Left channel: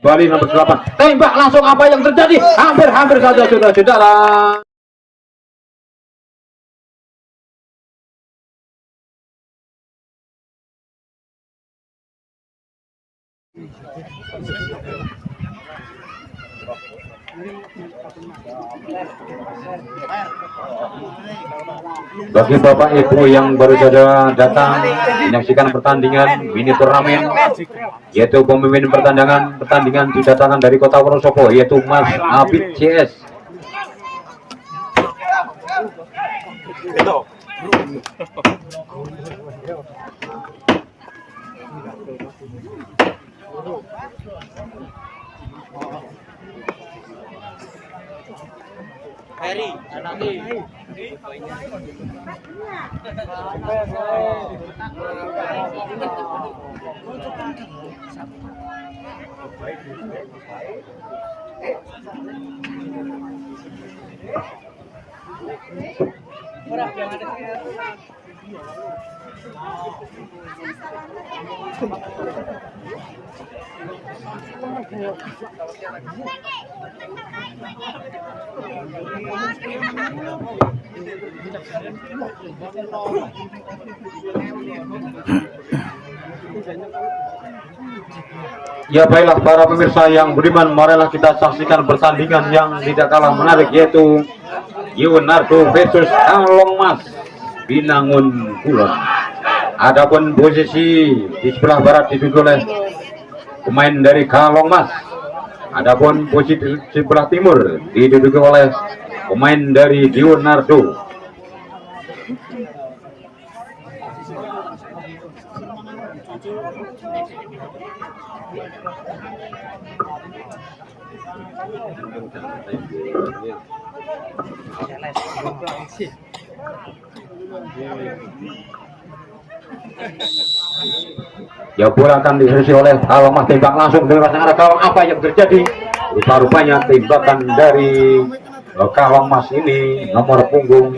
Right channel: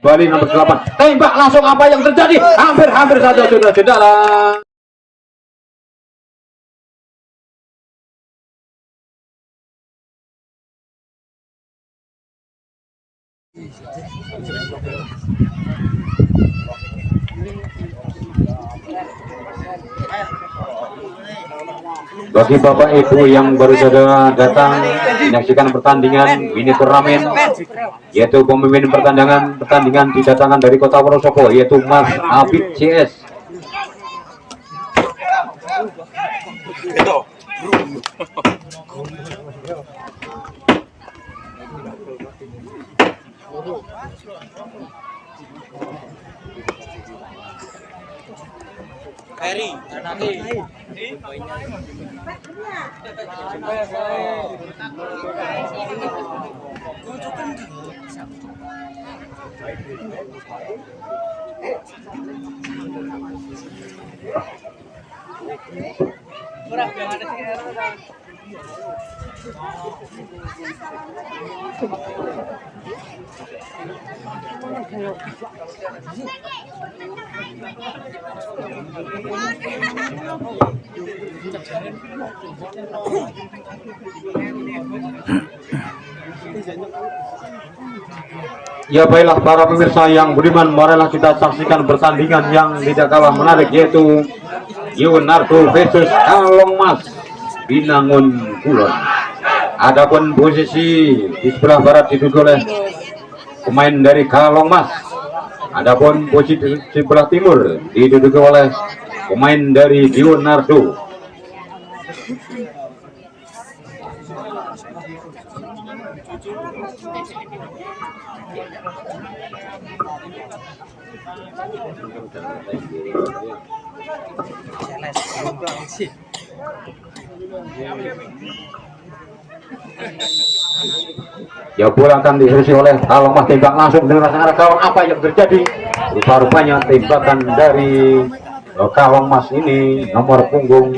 Bali nomor 8 tembak langsung, apa yang terjadi? Hampir saja sudah saudara. Bagi Bapak Ibu yang baru saja datang menyaksikan pertandingan mini turnamen, yaitu pemimpin pertandingan didatangkan dari Kota Wonosobo, yaitu Mas Abid CS. Ya baiklah para pemirsa yang budiman, marilah kita saksikan pertandingan yang tidak kalah menarik, yaitu Leonardo versus Kalong Mas Binangun Kulon. Adapun posisi di sebelah barat diduduki oleh pemain dari Kalong Mas. Adapun posisi di sebelah timur diduduki oleh pemain dari Leonardo. Ya, bola akan diharusi oleh Kalong Mas, tembak langsung dengan arah Kalong. Apa yang terjadi? Rupa-rupanya tembakan dari Kalong Mas ini nomor punggung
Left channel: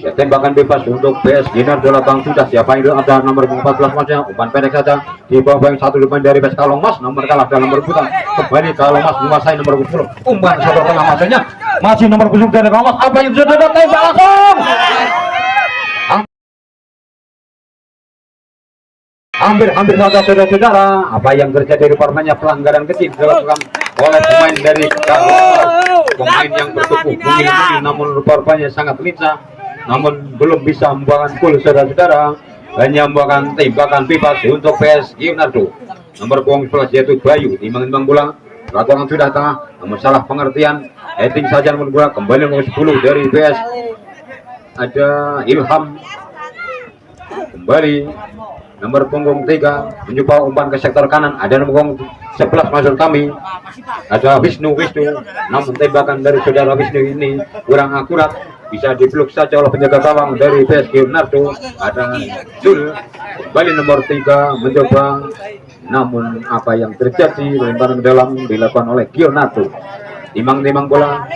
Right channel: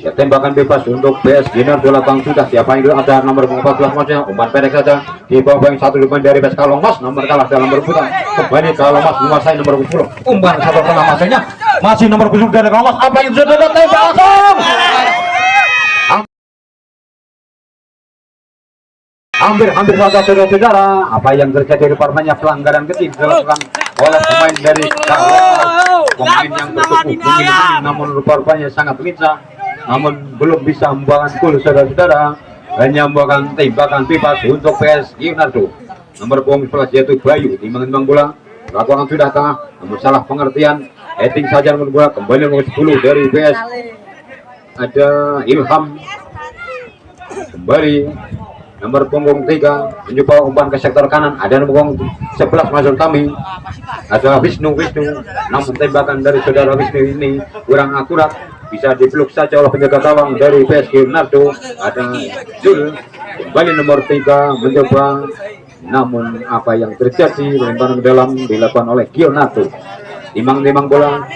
ya, tembakan bebas untuk PS Leonardo. Labang sudah siapa itu, ada nomor 14 Masnya, umpan pendek saja di bawah satu depan dari PS Kalong Mas, nomor kalah dalam rebutan. Kembali Kalong Mas menguasai nomor 10, umpan satu tengah masanya masih nomor 10 dari Kalong Mas. Apa yang sudah tembak langsung, hampir saja saudara-saudara. Apa yang terjadi? Rupanya pelanggaran kecil dilakukan oleh pemain dari Kalong, pemain yang bertubuh tinggi, namun rupanya sangat lincah, namun belum bisa membuahkan gol saudara-saudara. Hanya membuahkan tembakan bebas untuk PS Leonardo. Nomor punggung 11 yaitu Bayu timbang bola, lapangan sudah tengah, namun salah pengertian, heading saja nomor bola. Kembali nomor 10 dari PS ada Ilham, kembali nomor punggung 3 mencoba umpan ke sektor kanan, ada nomor punggung 11 masuk kami, ada Wisnu, namun tembakan dari saudara Wisnu ini kurang akurat, bisa dipeluk saja oleh penjaga gawang dari PS Leonardo. Ada Jul, kembali nomor 3 mencoba, namun apa yang terjadi? Lemparan ke dalam dilakukan oleh Leonardo. Timang bola,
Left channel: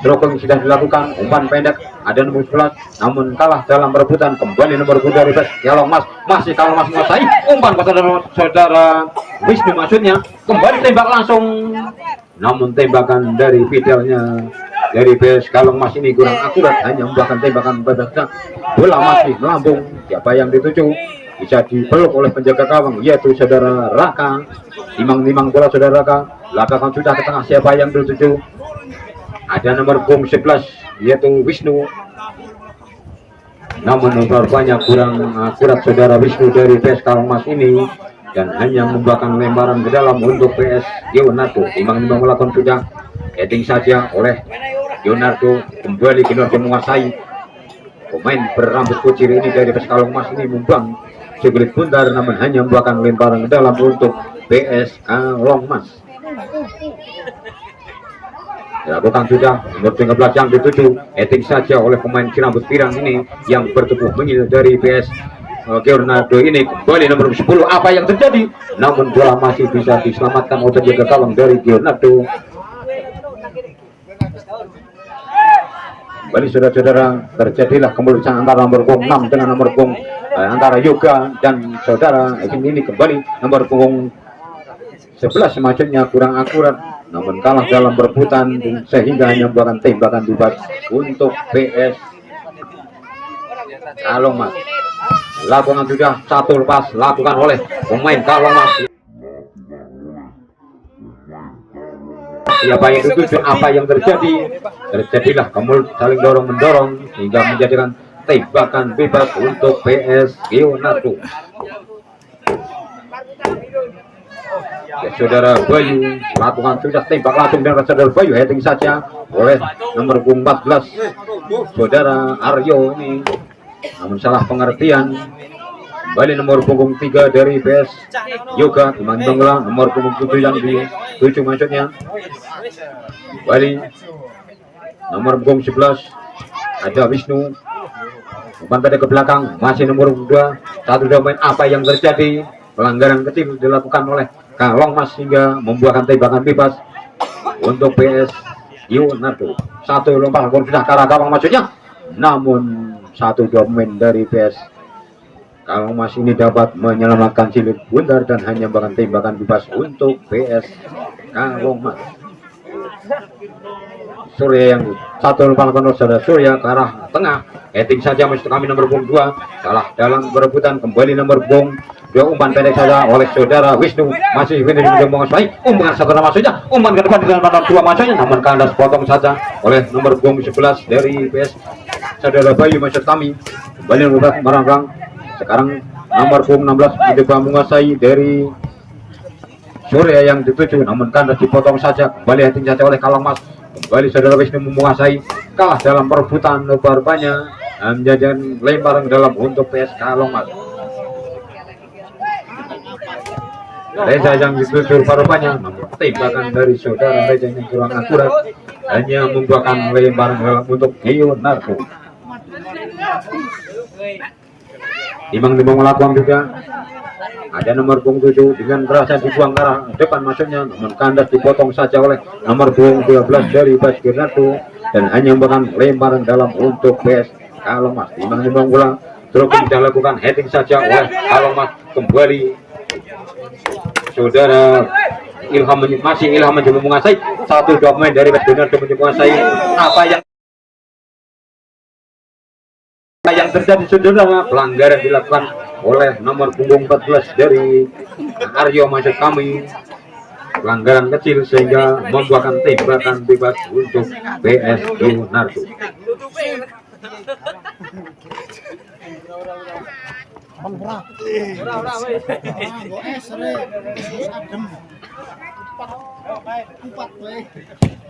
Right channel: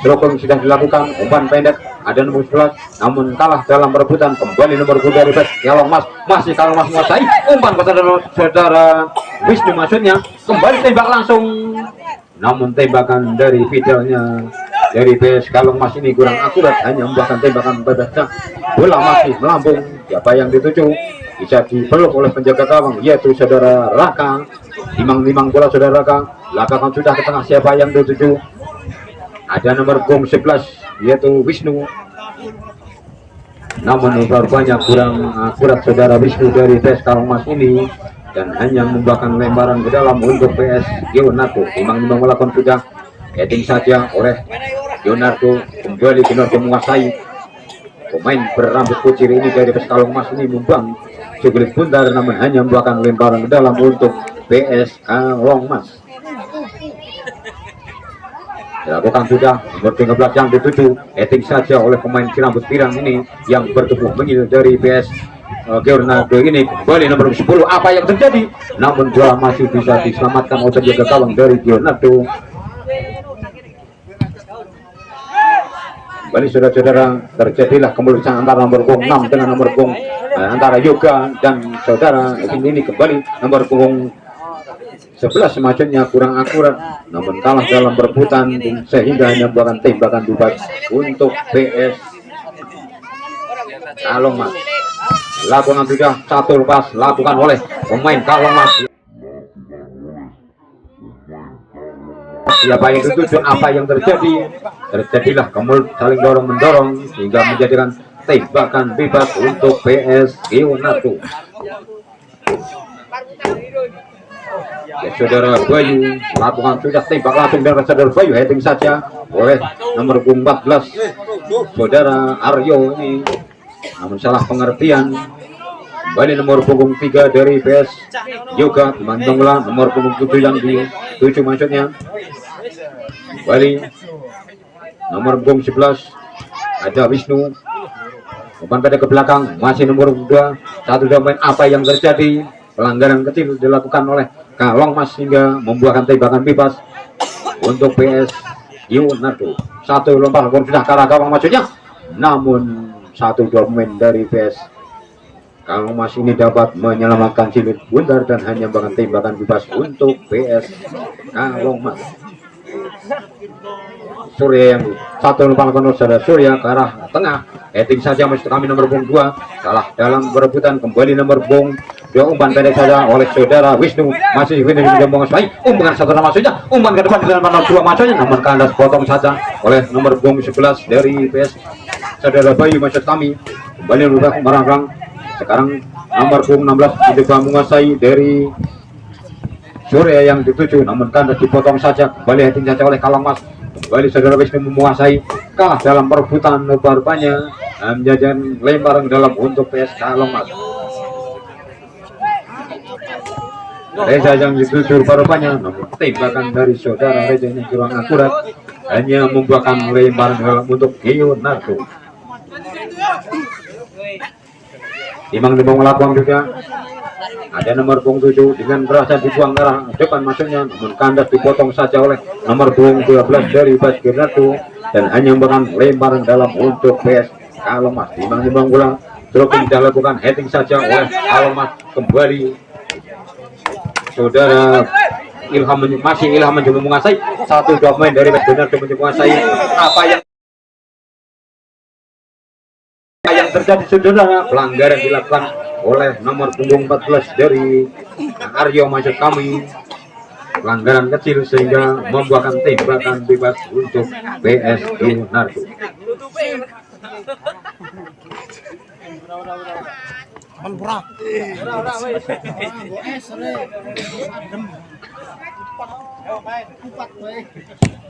serokong sudah dilakukan, umpan pendek ada nomor 11, namun kalah dalam perebutan. Kembali nomor 2 dari PS Kalong Mas, masih Kalong Mas menguasai, umpan kepada saudara Wisnu maksudnya, kembali tembak langsung, namun tembakan dari Fidelnya dari PS Kalong Mas ini kurang akurat, hanya membuahkan tembakan bebasnya. Bola masih melambung, siapa yang dituju? Bisa dipeluk oleh penjaga gawang, yaitu saudara Raka. Timang bola saudara Raka, belakangan sudah ke tengah, siapa yang dituju? Ada nomor punggung 11 yaitu Wisnu, namun rupanya kurang akurat saudara Wisnu dari PS Kalong Mas ini, dan hanya membuahkan lemparan ke dalam untuk PS Leonardo. Timang melakukan sudah heading saja oleh Leonardo. Kembali Leonardo menguasai, pemain berambut kucir ini dari PS Kalong Mas ini membuang sulit bundar, namun hanya membuahkan lemparan ke dalam untuk PS Kalong Mas. Dilakukan sudah nomor 13 yang dituju, heading saja oleh pemain rambut pirang ini yang bertubuh mengil dari PS Leonardo ini. Kembali nomor 10, apa yang terjadi? Namun bola masih bisa diselamatkan oleh penjaga gawang dari Leonardo. kembali saudara-saudara terjadilah kemuliaan antara nomor punggung 6 dengan nomor punggung antara Yoga dan saudara ini kembali nomor punggung 11 maksudnya kurang akurat namun kalah dalam perebutan sehingga hanya membuahkan tembakan bebas untuk PS Kalong Mas. Lakukan sudah satu lepas lakukan oleh pemain Kalong Mas. Siapa yang dituju apa yang terjadi? Terjadilah saling dorong mendorong hingga menjadikan tembakan bebas untuk PS Leonardo. Ya, saudara Bayu lakukan sudah tembak langsung dari saudara Bayu heading saja oleh nomor 14 saudara Aryo ini namun salah pengertian kembali nomor punggung 3 dari PS Yoga dimantunglah nomor punggung 7 yang di 7 maksudnya kembali nomor punggung 11 ada Wisnu umpan pada ke belakang masih nomor 2 satu domain apa yang terjadi pelanggaran kecil dilakukan oleh Kalong Mas hingga membuahkan tembakan bebas untuk PS Leonardo. Satu lompat sudah ke arah Kalong maksudnya namun satu domain dari PS Kalong Mas ini dapat menyelamatkan Cilik Bundar dan hanya membuahkan tembakan bebas untuk PS Kalong Mas. Surya yang satu lompat saudara Surya ke arah tengah heading saja maksud kami nomor punggung 2 salah dalam berebutan kembali nomor punggung 2 umpan pendek saja oleh saudara Wisnu masih Wisnu juga menguasai umpan saudara maksudnya umpan ke depan dengan pandang 2 maksudnya namun kandas potong saja oleh nomor punggung 11 dari PS saudara Bayu maksud kami kembali merangkang sekarang nomor punggung 16 mencoba menguasai dari Surya yang dituju namun kandas dipotong saja kembali heading saja oleh Kalong Mas kembali saudara Wisnu menguasai kalah dalam perebutan rupanya menjadikan lemparan dalam untuk PS Kalong Mas. Reza yang dituju rupanya namun tembakan dari saudara Reza yang kurang akurat hanya membuahkan lemparan dalam untuk Leonardo. Timbang-timbang melakukan juga ada nomor punggung 7 dengan berasa dibuang ke arah depan maksudnya namun kandas dipotong saja oleh nomor punggung 12 dari Bas Girnardo dan hanya memberikan lemparan dalam untuk PS Kalong Mas. Timbang-timbang ulang terus dilakukan heading saja oleh Kalong Mas kembali saudara Ilham mencoba menguasai satu domain dari Bas Girnardo mencoba menguasai apa yang terjadi saudara pelanggaran dilakukan oleh nomor punggung 14 dari Aryo maksud kami pelanggaran kecil sehingga membuahkan tembakan bebas untuk PS Leonardo.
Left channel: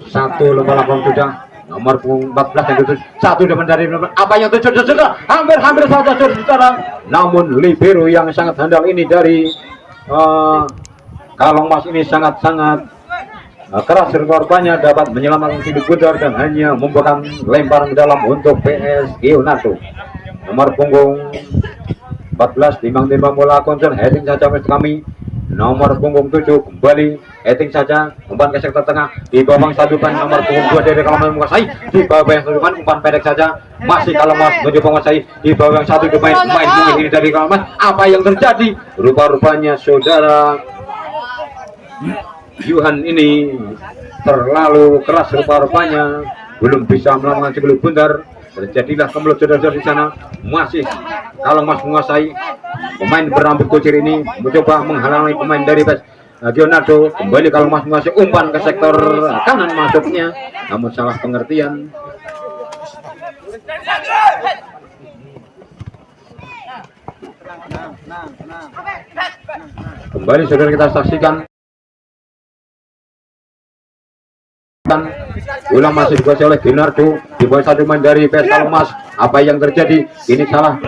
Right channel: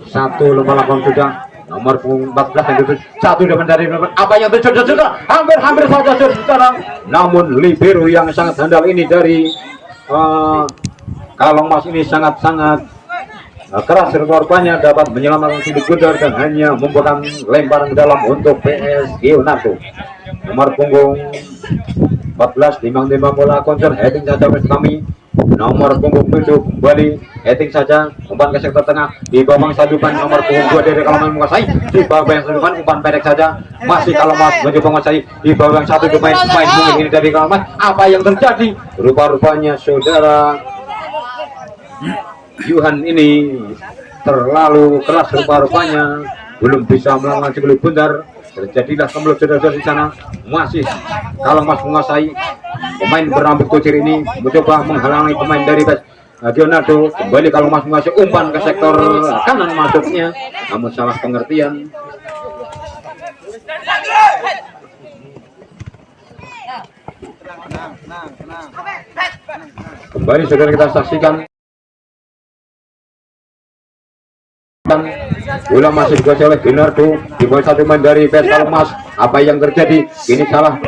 Satu lomba lakon sudah nomor punggung 14 yang itu satu depan dari nomor apa yang itu sudah hampir saja saudara namun libero yang sangat handal ini dari Kalong Mas ini sangat-sangat keras korbannya dapat menyelamatkan Cilik Bundar dan hanya membuahkan lemparan dalam untuk PS Leonardo. Nomor punggung 14 timbang-timbang bola konser heading saja kami nomor punggung 7 kembali heading saja umpan ke sektor tengah di bawah sadupan nomor punggung 2 dari Kalong Mas menguasai di bawah yang sadupan umpan pendek saja masih Kalong Mas mencoba menguasai di bawah yang satu pemain mungkin ini dari Kalong Mas apa yang terjadi rupa-rupanya saudara Yuhan ini terlalu keras rupa-rupanya belum bisa melawan Cilik Bundar. Terjadilah kemelut saudara di sana masih Kalong Mas menguasai pemain berambut kucir ini mencoba menghalangi pemain dari PS Leonardo kembali Kalong Mas menguasai umpan ke sektor kanan masuknya namun salah pengertian kembali saudara kita saksikan ulang masih dikuasai oleh Leonardo di bawah satu main dari PS Kalong Mas apa yang terjadi ini kalah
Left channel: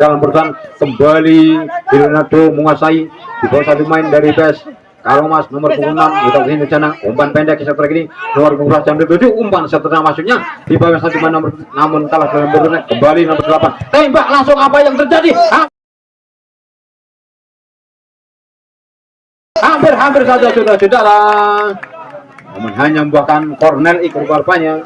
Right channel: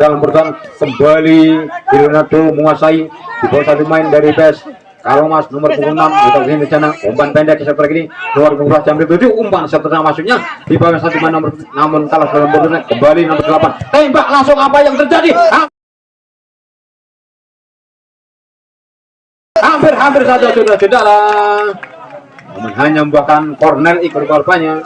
dalam perusahaan kembali Leonardo menguasai di bawah satu main dari PS Kalong Mas nomor punggung 6 kita kesini di sana umpan pendek ke sektor ini nomor punggung 7 umpan setelah masuknya di bawah satu main nomor namun kalah dalam perusahaan kembali nomor 8 tembak langsung apa yang terjadi hampir saja saudara namun hanya membuahkan corner ikut korbannya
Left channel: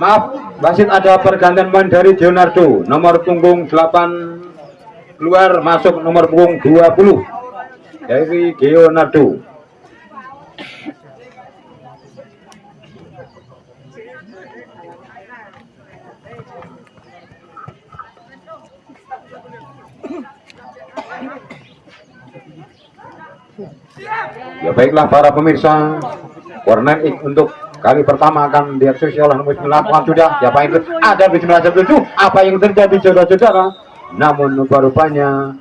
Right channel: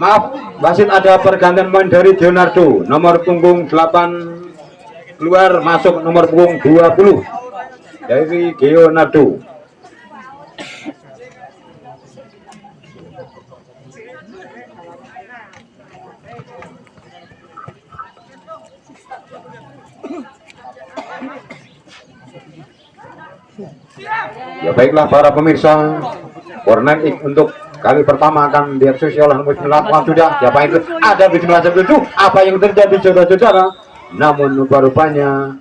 Maaf, wasit ada pergantian pemain dari Leonardo. Nomor punggung 8 keluar, masuk nomor punggung 20 dari Leonardo. Ya baiklah para pemirsa, corner kick untuk kali pertama akan dieksekusi oleh nomor 9 sudah. Siapa itu? Ada 19 apa yang terjadi saudara-saudara? Namun rupa-rupanya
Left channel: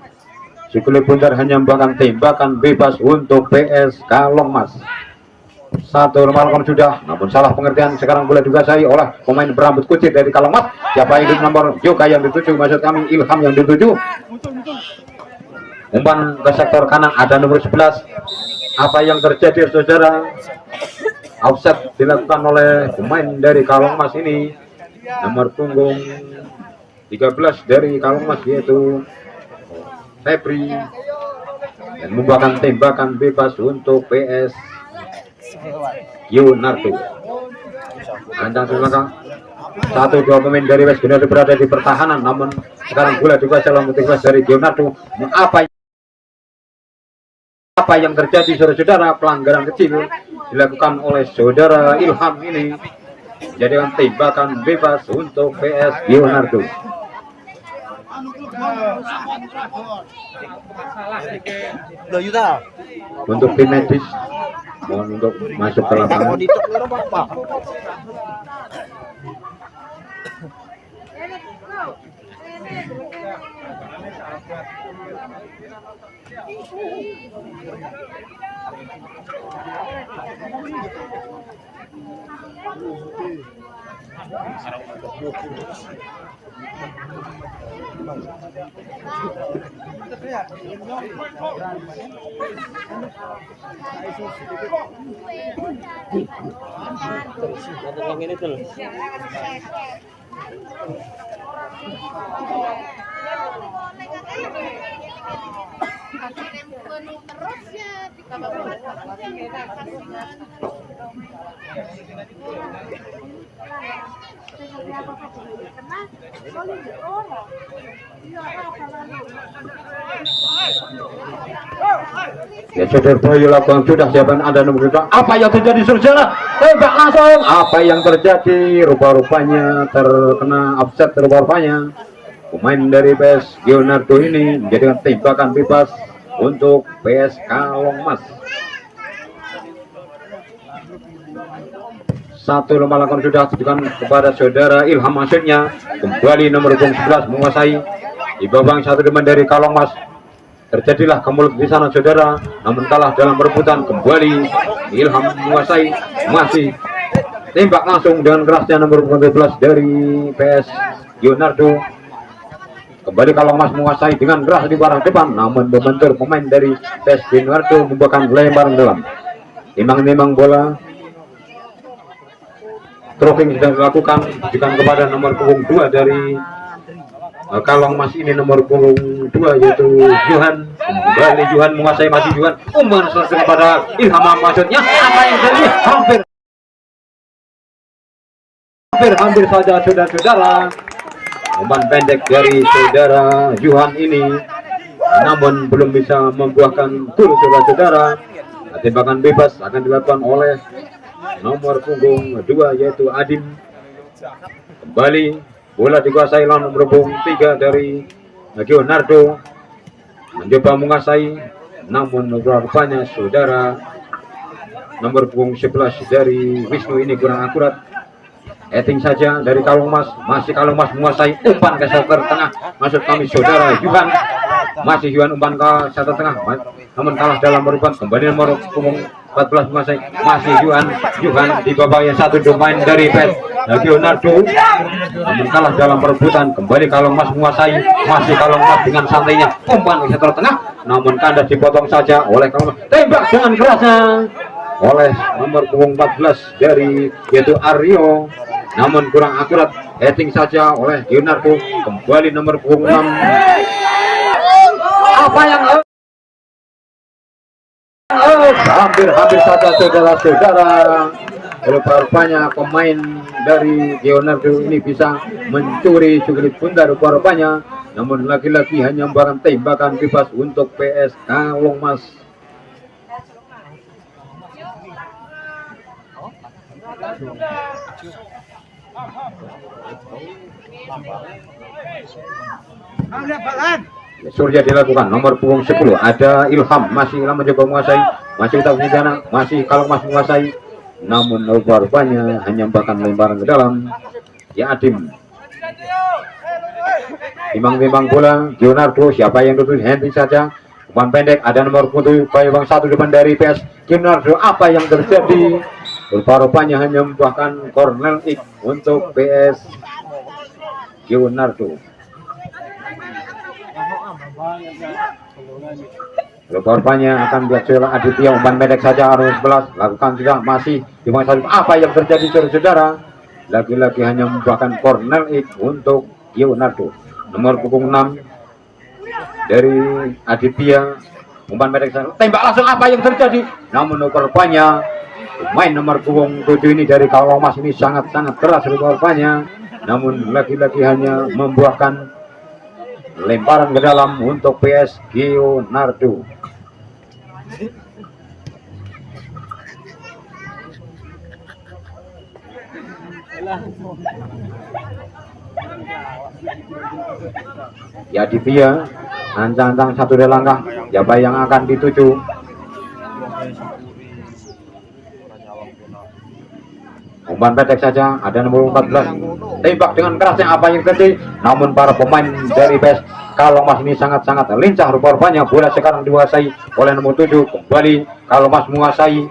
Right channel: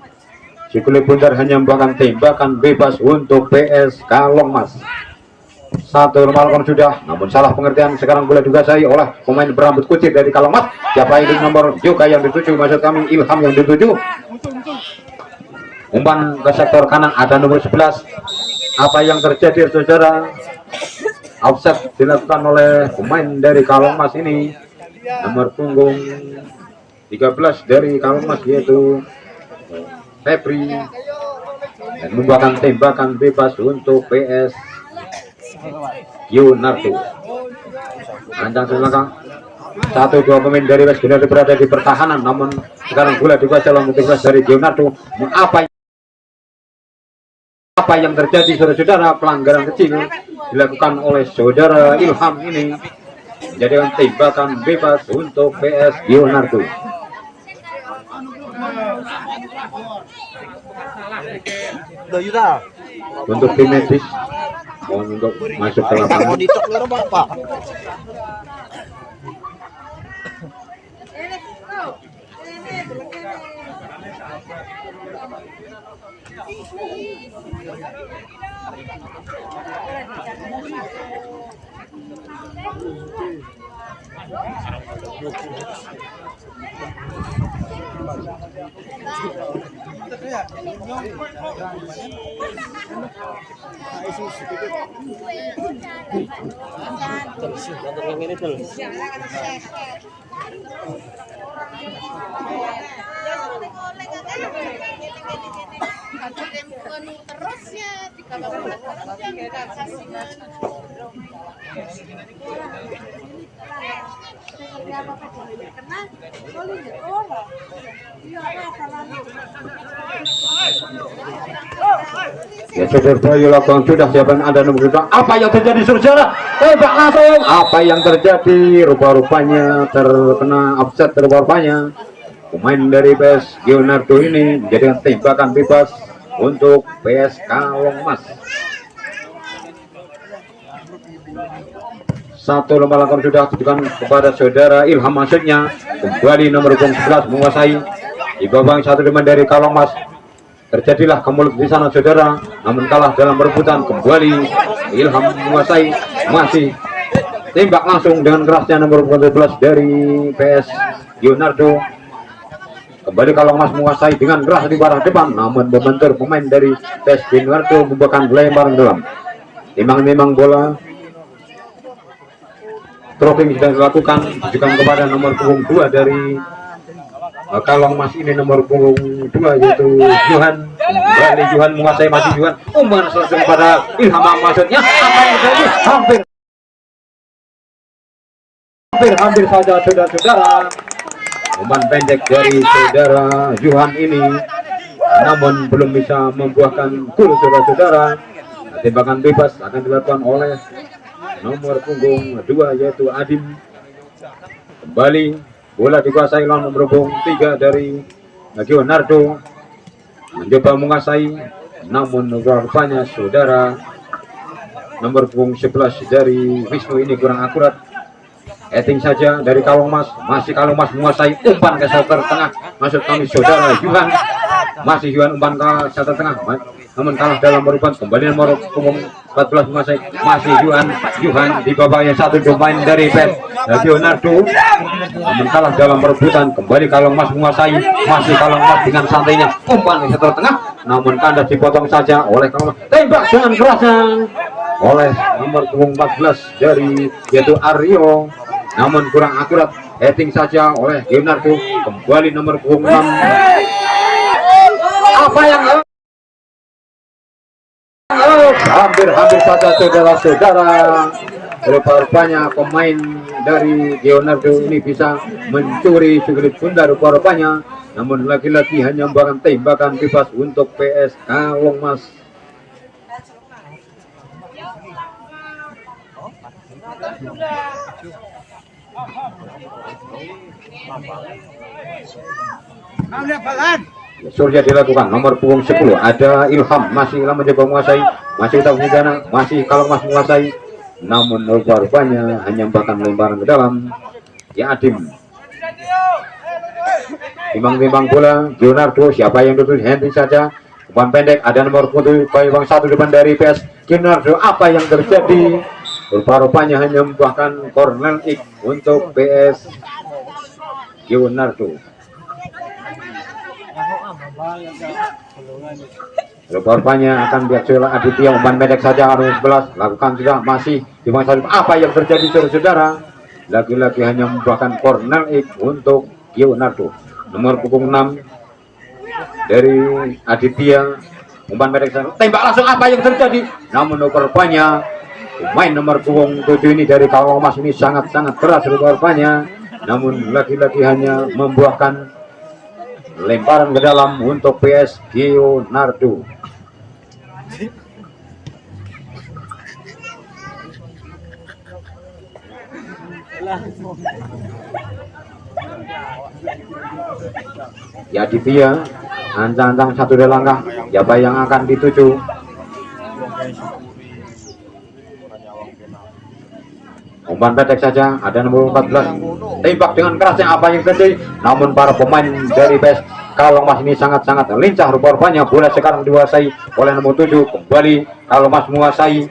si kulit bundar hanya membuahkan tembakan bebas untuk PS Kalongmas. Satu melakukan sudah, namun salah pengertian sekarang bola dikuasai oleh pemain berambut kucing dari Kalongmas. Siapa itu? Nomor Yoga yang dituju, maksud kami Ilham yang dituju. Umpan ke sektor kanan, ada nomor 11. Apa yang terjadi saudara? Offset dilakukan oleh pemain dari Kalongmas ini, nomor punggung 13 dari Kalongmas yaitu Febri, dan membuahkan tembakan bebas untuk PS Leonardo. Ancang belakang, 1-2 pemain dari West Leonardo berada di pertahanan, namun sekarang bola dikuasai oleh dari Leonardo. Apa yang terjadi saudara-saudara? Pelanggaran kecil dilakukan oleh saudara Ilham ini, menjadikan tembakan bebas untuk PS Leonardo. Untuk tim medis mohon untuk masuk ke lapangan. Ya saudara Bayu lakukan sudah, siapa ada nomor 2. Apa yang terjadi saudara? Tembak langsung. Apa yang terjadi? Rupa-rupanya terkena offset, rupa-rupanya pemain dari PS Leonardo ini menjadikan tembakan bebas untuk PS Kalongmas. Satu lomba lakukan sudah diberikan kepada saudara Ilham, maksudnya kembali nomor 11 menguasai di babang satu teman dari Kalongmas. Terjadilah kemulut di sana saudara, namun kalah dalam perebutan. Kembali Ilham menguasai, masih tembak langsung dengan kerasnya nomor 12 dari PS Leonardo. Kembali Kalongmas menguasai dengan keras di arah depan, namun membentur pemain dari PS Leonardo membuahkan lemparan dalam. Timbang-timbang bola tracking sudah dilakukan, diberikan kepada nomor punggung 2 dari Kalongmas ini, nomor punggung 2 yaitu Johan. Kembali Johan menguasai, masih Johan umpan selesai kepada Ilham, maksudnya apa yang terjadi? Hampir saja saudara-saudara, umpan pendek dari saudara Johan ini, namun belum bisa membuahkan gol saudara-saudara. Tembakan bebas akan dilakukan oleh nomor punggung 2 yaitu Adim. Kembali bola dikuasai oleh nomor punggung 3 dari Leonardo, mencoba menguasai, namun rupanya saudara nomor punggung 11 dari Wisnu ini kurang akurat. Eting saja dari Kalongmas, masih Kalongmas menguasai, umpan ke sektor tengah, maksud kami saudara Yuhan, masih Yuhan umpan ke sektor tengah, namun kalah dalam perebutan. Kembali nomor punggung 14 menguasai, masih Yuhan di bawah yang satu pemain dari PS Leonardo, namun kalah dalam perebutan. Kembali Kalongmas menguasai, masih Kalongmas dengan santainya, umpan ke sektor tengah, namun kandas dipotong saja oleh Kalongmas. Tembak dengan kerasnya oleh nomor punggung 14 dari yaitu Aryo, namun kurang akurat. Heading saja oleh Leonardo. Kembali nomor punggung 6. Apa yang hampir saja saudara-saudara, Rupa-rupanya pemain dari Leonardo ini bisa mencuri sugerit bunda rupa-rupanya, namun lagi-lagi hanya membuahkan tembakan bebas untuk PS Kalongmas. Surya dilakukan nomor punggung 10 ada Ilham, masih Ilham mencoba menguasai, masih utang bencana, masih Kalongmas menguasai, namun rupa-rupanya hanya bahkan lemparan ke dalam. Ya Adim timbang-timbang bola Leonardo, siapa yang tutup henti saja, umpan pendek ada nomor putih Bayang 1 depan dari PS Leonardo. Apa yang terjadi? Rupa-rupanya hanya membuahkan corner kick untuk PS Leonardo. Rupa-rupanya akan biasa Aditya, umpan pendek saja harus belas lakukan tidak, masih di masa. Apa yang terjadi saudara-saudara? Lagi-lagi hanya membuahkan corner kick untuk Leonardo. Nomor punggung 6 dari Aditya, umpan pendek saja, tembak langsung. Apa yang terjadi? Namun rupa-rupanya pemain nomor punggung 7 ini dari Kalongmas ini sangat-sangat keras rupa-rupanya, namun lagi-lagi hanya membuahkan lemparan ke dalam untuk PS Leonardo. Ya Aditya ancang-ancang satu dari langkah, siapa yang akan dituju? Umpan pendek saja ada nomor 14, tembak dengan kerasnya. Apa yang terjadi? Namun para pemain dari PS Kalongmas ini sangat-sangat lincah rupa-rupanya. Bola sekarang dikuasai oleh nomor 7, kembali Kalongmas menguasai,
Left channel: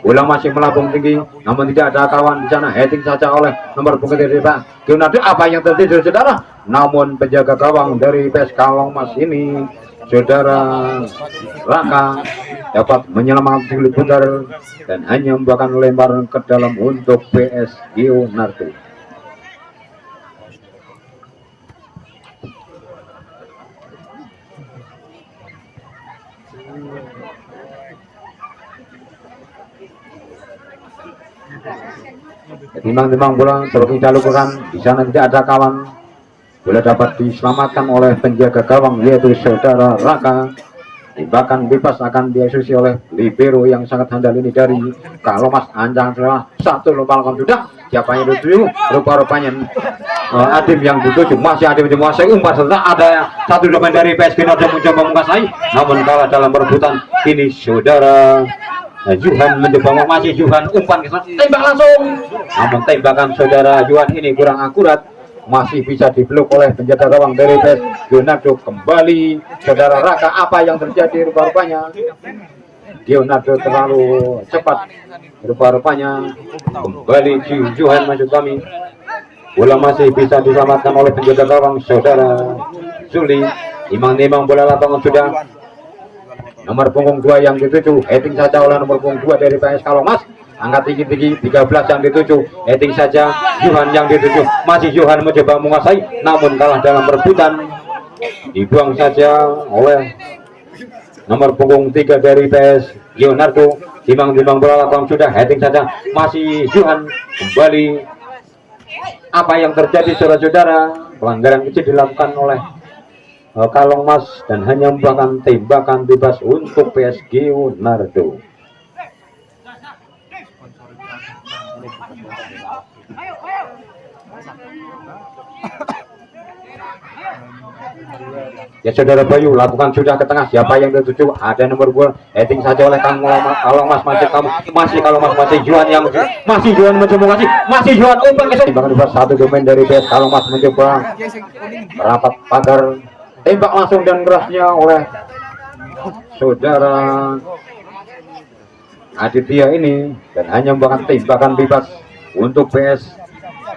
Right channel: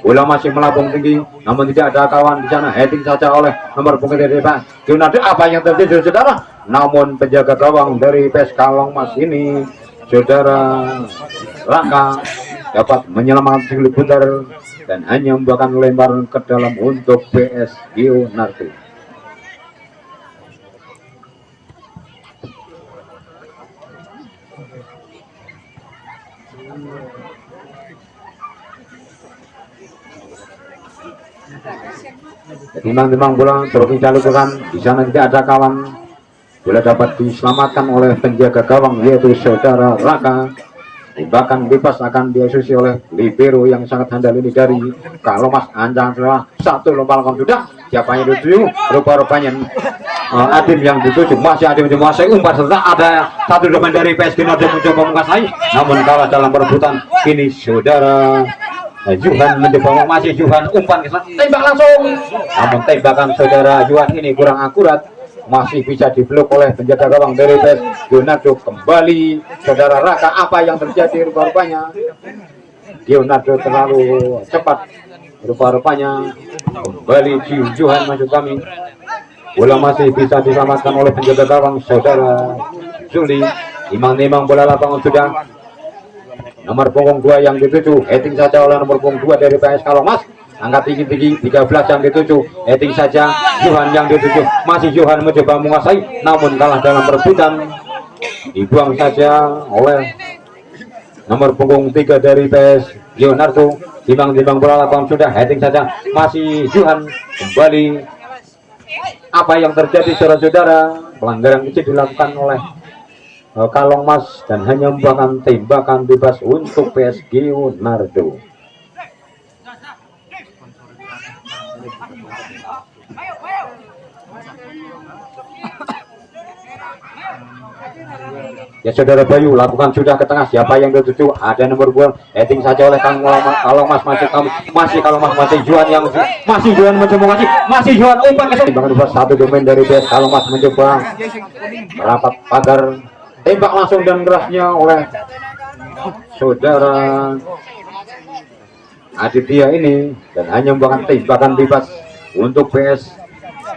bola masih melambung tinggi, namun tidak ada kawan di sana. Heading saja oleh nomor punggung dari PS Leonardo. Apa yang terjadi saudara? Namun penjaga gawang dari PS Kalongmas ini saudara Raka dapat menyelamatkan si putar dan hanya membuahkan lemparan ke dalam untuk PS Leonardo. Timbang-timbang bola terus dilakukan, di sana tidak ada kawan. Bola dapat diselamatkan oleh penjaga gawang yaitu saudara Raka. Tembakan bebas akan diasusi oleh libero yang sangat handal ini dari Kalongmas. Anjang setelah satu lemparan sudah, siapa yang dituju? Rupa-rupanya Adim yang dituju, masih Adim menguasai, umpan setelah ada satu depan dari PS Leonardo mencoba menguasai, namun kalah dalam perebutan. Ini saudara Johan mencoba, masih Johan, umpan ke sana, tembak langsung, namun tembakan saudara Johan ini kurang akurat, masih bisa diblok oleh penjaga gawang dari PS Leonardo. Kembali saudara Raka, apa yang terjadi? Rupa-rupanya Leonardo terlalu cepat, rupa-rupanya kembali Johan maksud kami. Bola masih bisa diselamatkan oleh penjaga gawang saudara Juli. Imang-imang bola lapangan sudah nomor punggung 2 yang dituju, heading saja oleh nomor punggung 2 dari PS Kalongmas. Angkat tinggi-tinggi 13 yang dituju, heading saja Johan yang dituju, masih Johan mencoba menguasai, namun kalah dalam perebutan. Dibuang saja oleh nomor punggung 3 dari PS Leonardo. Timbang-timbang bola lapangan sudah, heading saja masih Johan. Kembali apa yang terjadi saudara-saudara? Pelanggaran kecil dilakukan oleh Kalongmas dan hanya membuahkan tembakan bebas untuk PS Leonardo. Ya saudara Bayu, lakukan sudah ke tengah, siapa yang tertuju? Ada nomor 2, heading saja oleh Kalongmas, masih Kalongmas, masih Johan yang masih Johan mencoba, masih Johan umpan ke sana. Bahkan satu domain dari PS Kalongmas mencoba merapat pagar, tembak langsung dan kerasnya oleh saudara Aditya ini dan hanya membuahkan tembakan bebas untuk PS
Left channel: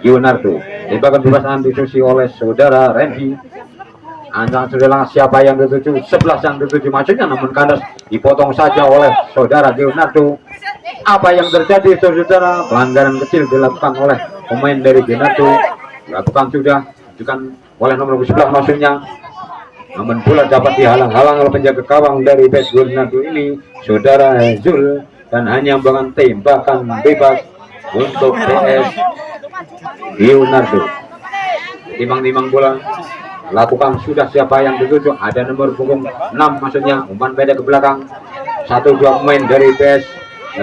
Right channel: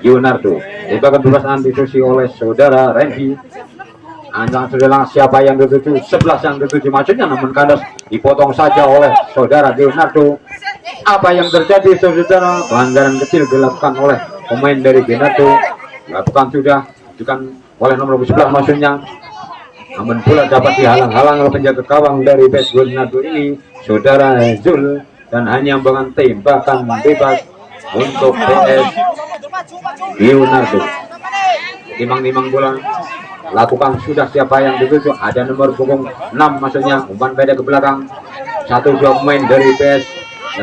Leonardo. Tembakan bebas disusi oleh saudara Randy. Anjang sudah siapa yang dituju? 11 yang dituju maksudnya, namun kandas dipotong saja oleh saudara Leonardo. Apa yang terjadi saudara? Pelanggaran kecil dilakukan oleh pemain dari Leonardo. Lakukan sudah dilakukan oleh nomor 11 maksudnya, namun bola dapat dihalang-halang oleh penjaga gawang dari PS Leonardo ini saudara Zul dan hanya membangun tembakan bebas untuk PS Leonardo. Timang-timang bola lakukan sudah siapa yang dituju, ada nomor punggung 6 maksudnya umpan pendek ke belakang. 1-2 pemain dari PS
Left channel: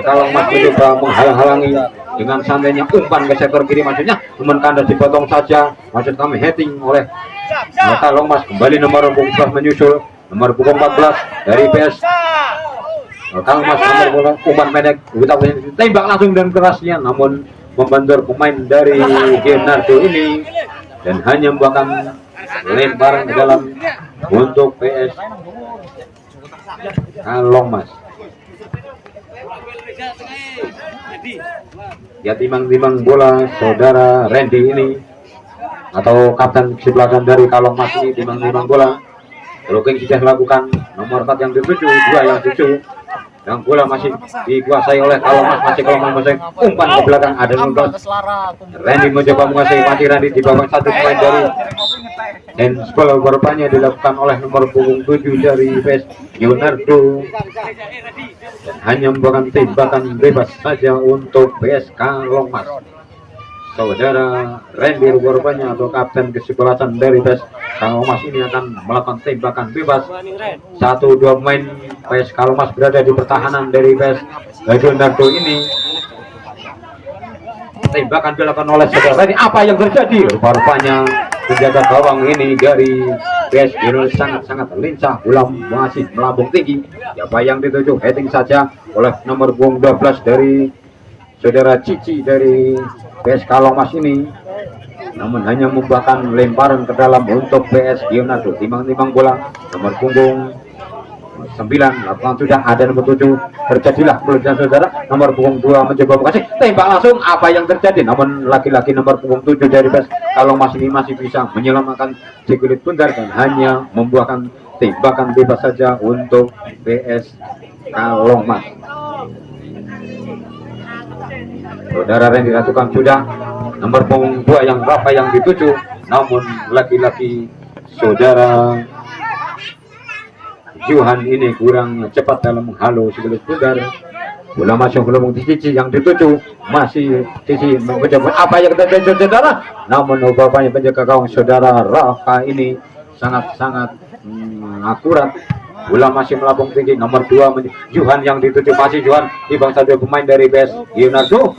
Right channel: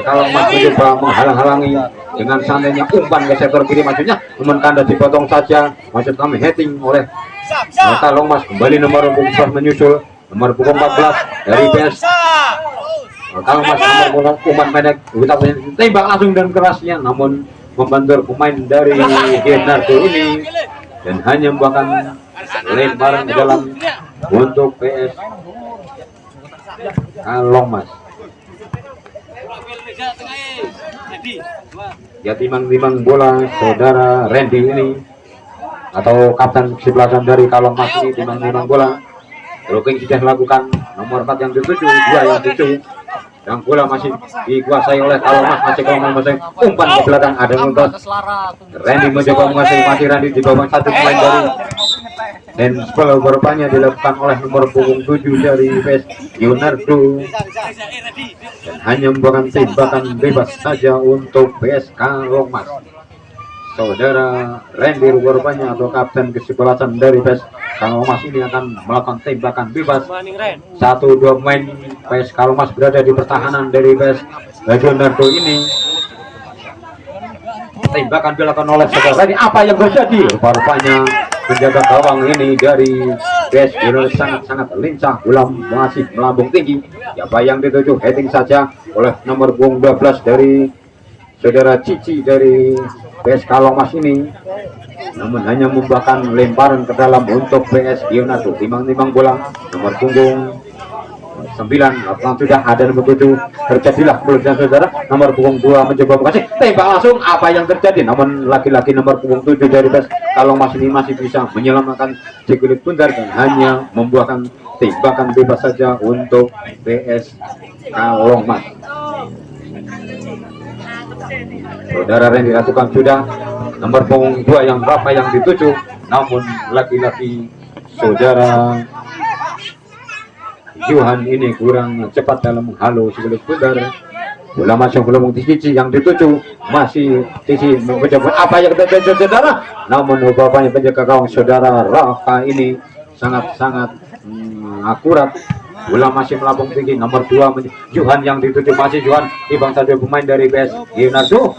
kalau Mas mencoba menghalang-halangi dengan santainya umpan ke sektor kiri maksudnya umpan kandas dipotong saja, maksud kami heading oleh kalau Mas. Kembali nomor punggung 11 menyusul nomor punggung 14 dari PS kalau Mas. Nomor punggung umpan pendek kita tembak langsung dan kerasnya namun membentur pemain dari Leonardo ini dan hanya membuahkan lemparan ke dalam untuk PS Kalong Mas. Ya timang-timang bola saudara Randy ini atau kapten kesebelasan dari Kalong Mas ini timang-timang bola. Blocking sudah dilakukan nomor 4 yang dituju, 2 yang dituju. Dan bola masih dikuasai oleh Kalong Mas, masih Kalong Mas umpan ke belakang ada nomor Randy mencoba menguasai mati Randy di bawah satu pemain dari handball berupanya dilakukan oleh nomor punggung 7 dari PS Leonardo dan hanya membuahkan tembakan bebas saja untuk PS Kalong Mas. Saudara Randy berupanya atau kapten kesebelasan dari PS Kalong Mas ini akan melakukan tembakan bebas. 1-2 pemain PS Kalong Mas berada di pertahanan dari PS Leonardo ini. Tembakan dilakukan oleh saudara Randy. Apa yang terjadi? Rupanya penjaga gawang ini dari PS Leonardo sangat-sangat lincah, bola masih melambung tinggi. Ya bayang dituju heading saja oleh nomor punggung 12 dari saudara Cici dari PS Kalong Mas ini. Namun hanya membuahkan lemparan ke dalam untuk PS Leonardo. Timang-timang bola nomor punggung 9 lapangan sudah ada nomor 7 terjadilah peluang saudara nomor punggung 2 mencoba mengasih tembak langsung. Apa yang terjadi namun laki-laki nomor punggung 7 dari PS Kalong Mas ini masih bisa menyelamatkan sekulit bundar dan hanya membuahkan tembakan bebas saja untuk PS Kalong Mas. Saudara Randy dilakukan sudah nomor punggung 2 yang berapa yang dituju namun laki-laki saudara Johan ini kurang cepat dalam menghalau sekulit bundar. Bola masuk belum Cici yang dituju masih Cici mencoba apa yang terjadi saudara namun upaya penjaga gawang saudara Rafa ini sangat-sangat akurat. Bola masih melambung tinggi nomor 2 Johan yang dituju masih Johan di bangsa dua pemain dari PS Leonardo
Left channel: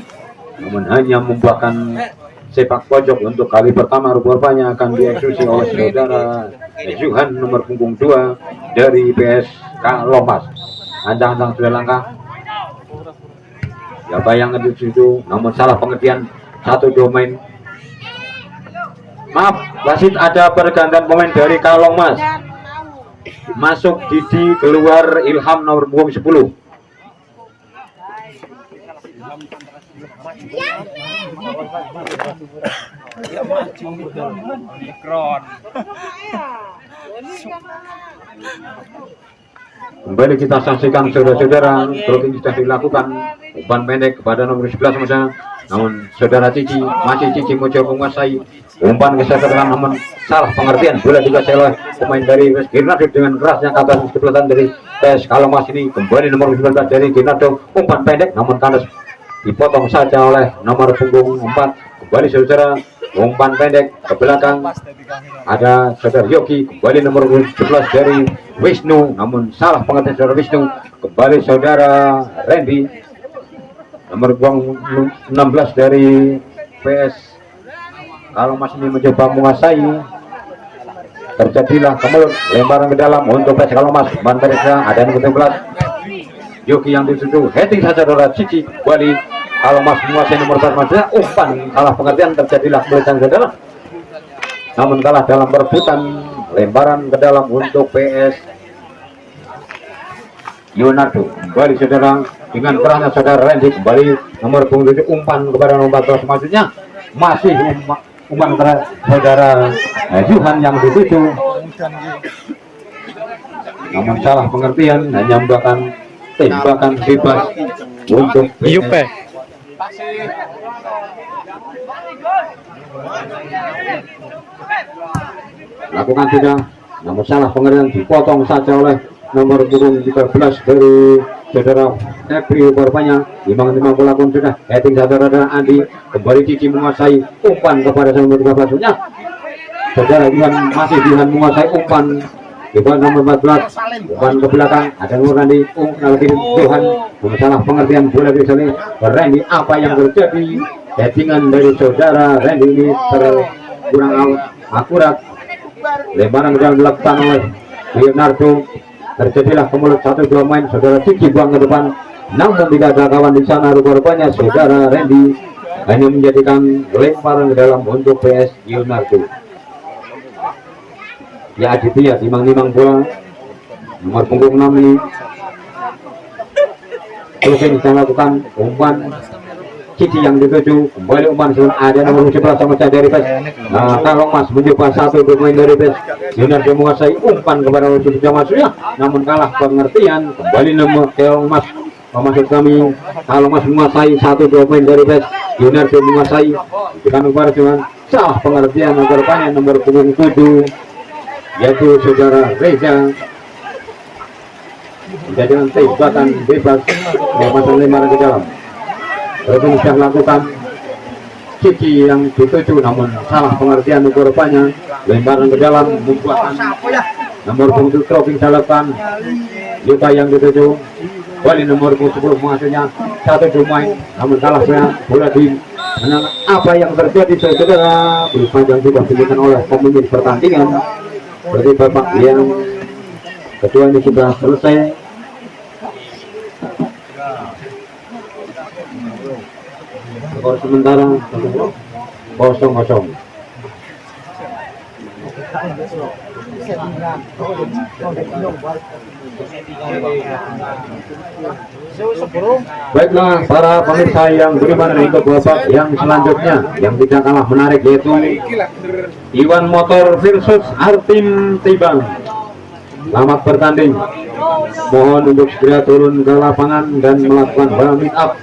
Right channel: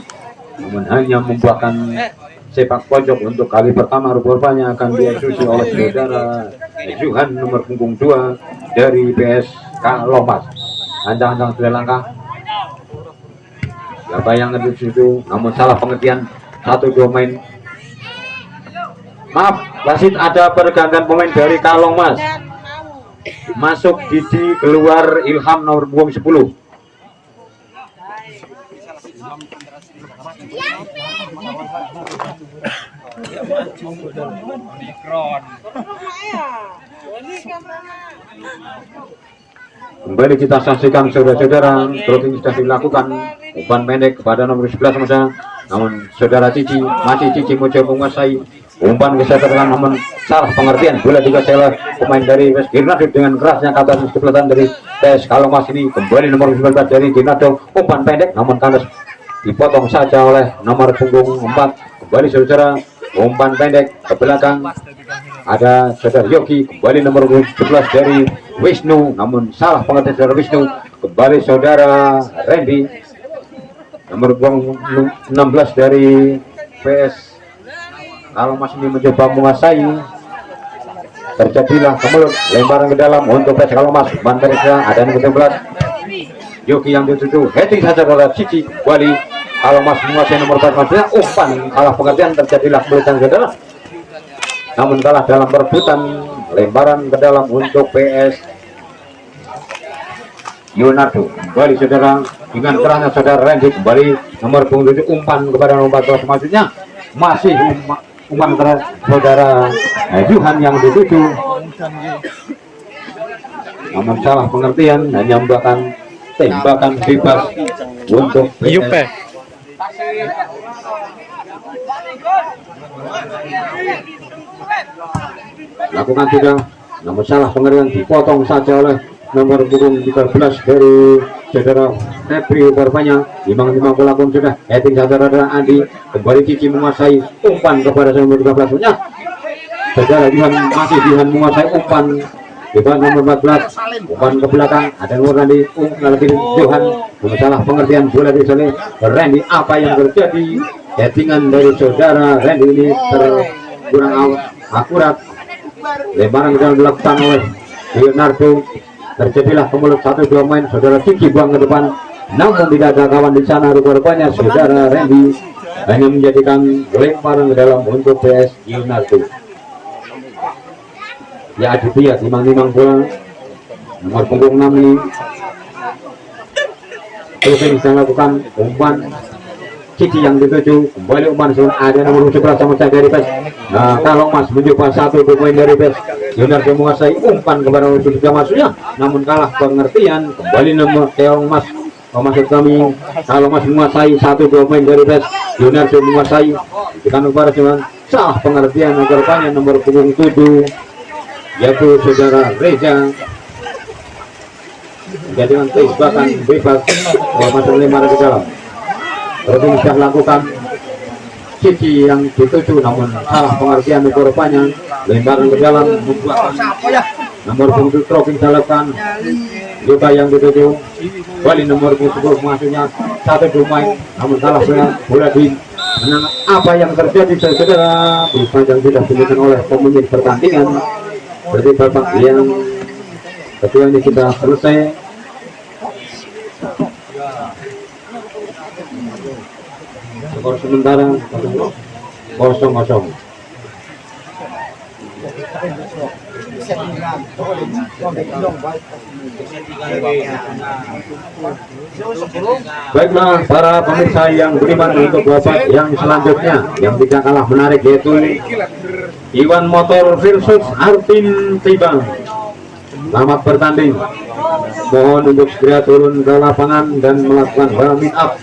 namun hanya membuahkan sepak pojok untuk kali pertama. Rupanya akan dieksekusi oleh saudara Johan nomor punggung 2 dari PS Kalong Mas. Andang-andang sudah langkah ya bayang di situ namun salah pengertian 1-2 main. Maaf wasit ada pergantian pemain dari Kalong Mas. Masuk Didi, keluar Ilham nomor punggung 10. Kembali kita saksikan saudara-saudara, blocking sudah dilakukan umpan pendek kepada nomor 11 masa. Namun saudara Cici masih Cici mencoba menguasai umpan ke setelah namun salah pengertian bola dikuasai oleh pemain dari PS Leonardo dengan kerasnya kata kesebelasan dari PS Kalong Mas ini. Kembali nomor 19 dari Leonardo umpan pendek namun kandas dipotong saja oleh nomor punggung 4. Kembali saudara umpan pendek ke belakang ada saudara Yogi. Kembali nomor 11 dari Wisnu namun salah pengertian saudara Wisnu. Kembali saudara Randy nomor punggung 16 dari PS Kalong Mas ini mencoba menguasai. Terjadilah kemelut lemparan ke dalam untuk PS Kalong Mas. Umpan pendek ada nomor 13 Yogi yang dituju heading saja saudara Cici. Kembali Kalong Mas menguasai nomor 4 maksudnya umpan kalah pengertian. Terjadilah kemelutan saudara namun kalah dalam perebutan lemparan ke dalam untuk PS Leonardo. Kembali saudara dengan kerahnya saudara Randy. Kembali nomor punggung 7 umpan kepada nomor 14 maksudnya masih umpan kepada saudara Johan yang dituju namun salah pengertian hanya membuahkan tembakan bebas untuk PS. Lakukan sudah namun salah pengertian dipotong saja oleh nomor punggung 13 dari saudara Febri korbannya imang-imang pelakon sudah heading saudara Andi kembali Cici menguasai umpan kepada nomor 13 nya saudara masih Jihan menguasai umpan nomor 14 umpan ke belakang ada nomor Randy Johan masalah pengertian bola dari sana Randy apa yang terjadi headingan dari saudara Randy ini kurang akurat lemparan yang dilakukan oleh Leonardo terjadilah kemulut 1-2 main saudara Cici buang ke depan namun tidak ada kawan di sana rupanya saudara Randy hanya menjadikan lemparan ke dalam untuk PS Leonardo ya Aditya timang-timang bola nomor punggung 6 ini terus bisa lakukan umpan Cici yang dituju kembali umpan ada nomor 11 sama saya dari PES. Nah kalau Mas mencoba satu pemain dari PES Leonardo menguasai umpan kepada nomor 7 masuknya namun kalah pengertian kembali nomor Teong Mas maksud kami kalau Mas menguasai satu pemain dari PES Leonardo menguasai bukan kepada cuman salah pengertian korbannya nomor punggung 7 yaitu saudara Reza menjadikan tembakan bebas masalah lemparan ke dalam. Berarti sudah lakukan Cici yang dituju namun salah pengertian korbannya lemparan ke dalam membuahkan nomor punggung troping lakukan luka yang dituju kembali nomor punggung 10 maksudnya satu pemain namun kalah bola di menang apa yang terjadi saudara yang sudah diberikan oleh pemimpin pertandingan berarti babak yang kedua ini sudah selesai. Skor sementara 0-0. Baiklah para pemirsa yang beriman untuk babak yang selanjutnya yang tidak kalah menarik yaitu Iwan Motor versus Artim Tibang. Selamat bertanding. Mohon untuk segera turun ke lapangan dan melakukan warming up.